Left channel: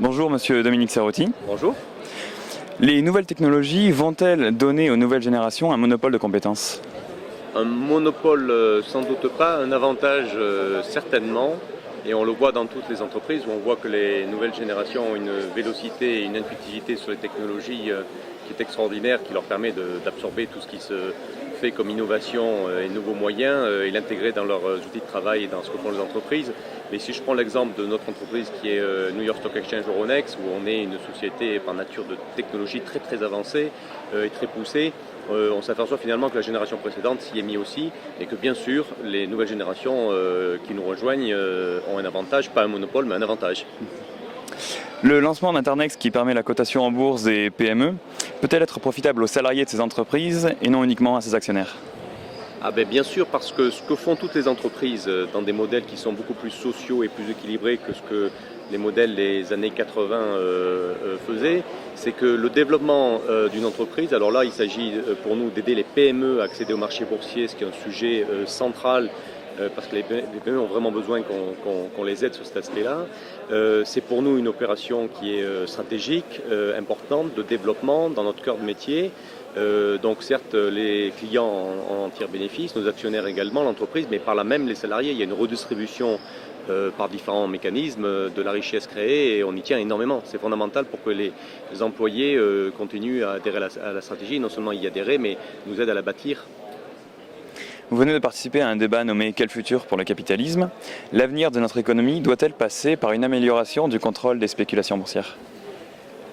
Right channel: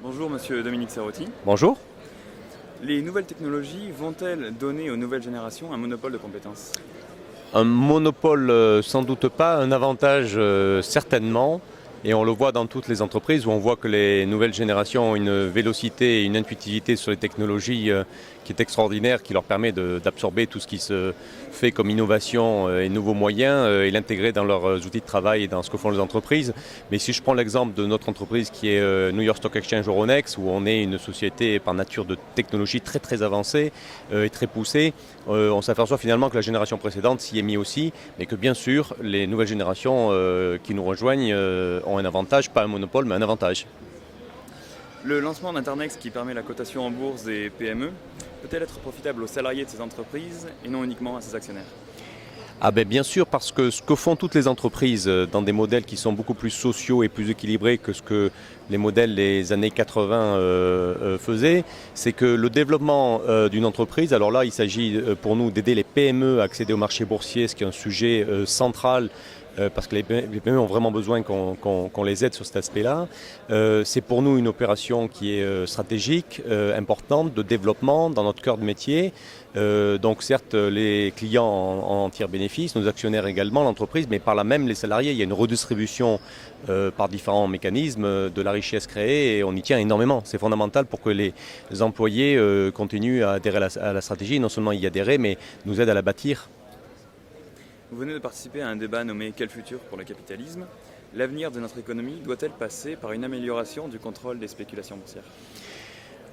Bonjour Monsieur Dominique Serrotti. Bonjour. Les nouvelles technologies vont-elles donner aux nouvelles générations un monopole de compétences? Un monopole, sans doute pas, un avantage certainement, et on le voit dans toutes les entreprises où on voit que les nouvelles générations ont une vélocité et une intuitivité sur les technologies qui est extraordinaire, qui leur permet d'absorber tout ce qui se fait comme innovation et nouveaux moyens et l'intégrer dans leurs outils de travail et dans ce que font les entreprises. Mais si je prends l'exemple de notre entreprise qui est New York Stock Exchange Euronext, où on est une société par nature de technologie très très avancée et très poussée, on s'aperçoit finalement que la génération précédente s'y est mise aussi, et que bien sûr les nouvelles générations qui nous rejoignent ont un avantage, pas un monopole mais un avantage. Le lancement d'Internext qui permet la cotation en bourse des PME peut-elle être profitable aux salariés de ces entreprises et non uniquement à ses actionnaires? Ah ben bien sûr, parce que ce que font toutes les entreprises dans des modèles qui sont beaucoup plus sociaux et plus équilibrés que ce que les modèles des années 80 faisaient, c'est que le développement d'une entreprise, alors là il s'agit pour nous d'aider les PME à accéder au marché boursier, ce qui est un sujet central, parce que les PME ont vraiment besoin qu'on les aide sur cet aspect-là. C'est pour nous une opération qui est stratégique, importante, de développement dans notre cœur de métier. Donc certes, les clients en tirent bénéfice, nos actionnaires également, l'entreprise, mais par là même les salariés. Il y a une redistribution par différents mécanismes de la richesse créée et on y tient énormément. C'est fondamental pour que les employés continuent à adhérer à la stratégie, non seulement y adhérer, mais nous aident à la bâtir. Vous venez de participer à un débat nommé Quel futur pour le capitalisme? L'avenir de notre économie doit-elle passer par une amélioration du contrôle des spéculations boursières?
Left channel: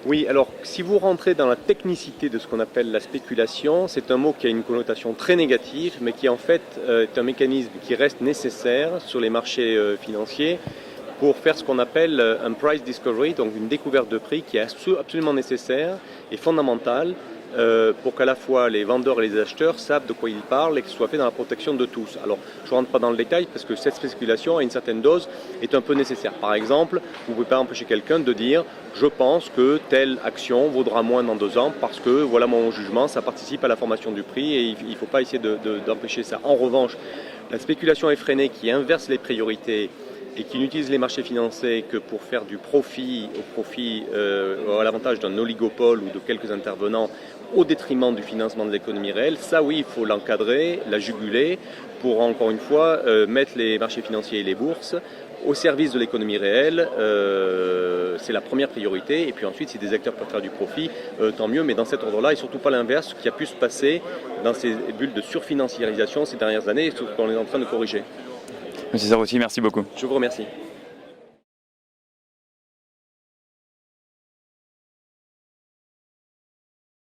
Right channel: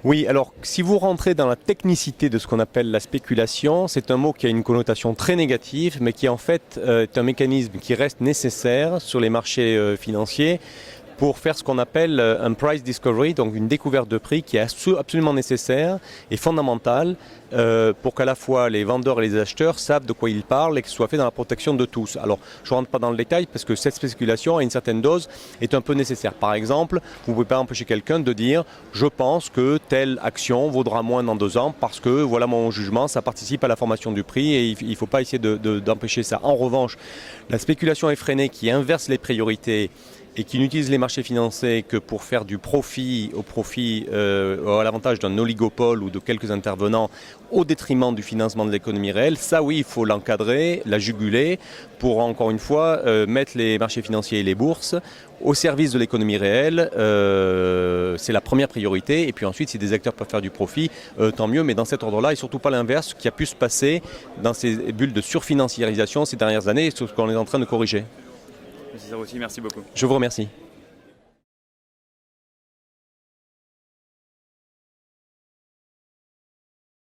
Oui, alors si vous rentrez dans la technicité de ce qu'on appelle la spéculation, c'est un mot qui a une connotation très négative, mais qui en fait est un mécanisme qui reste nécessaire sur les marchés financiers pour faire ce qu'on appelle un price discovery, donc une découverte de prix qui est absolument nécessaire et fondamentale pour qu'à la fois les vendeurs et les acheteurs savent de quoi ils parlent et que ce soit fait dans la protection de tous. Alors, je ne rentre pas dans le détail parce que cette spéculation, à une certaine dose, est un peu nécessaire. Par exemple, vous ne pouvez pas empêcher quelqu'un de dire « je pense que telle action vaudra moins dans 2 ans parce que voilà mon jugement, ça participe à la formation du prix et il ne faut pas essayer d'empêcher ça. » En revanche, la spéculation effrénée qui inverse les priorités et qui n'utilise les marchés financiers que pour faire du profit à l'avantage d'un oligopole ou de quelques intervenants au détriment du financement de l'économie réelle, ça oui, il faut l'encadrer, la juguler pour encore une fois mettre les marchés financiers et les bourses au service de l'économie réelle. C'est la première priorité et puis ensuite si des acteurs peuvent faire du profit, tant mieux, mais dans cet ordre-là et surtout pas l'inverse, ce qui a pu se passer dans ces bulles de surfinanciarisation ces dernières années et ce qu'on est en train de corriger. Monsieur Serrotti, merci beaucoup. Je vous remercie.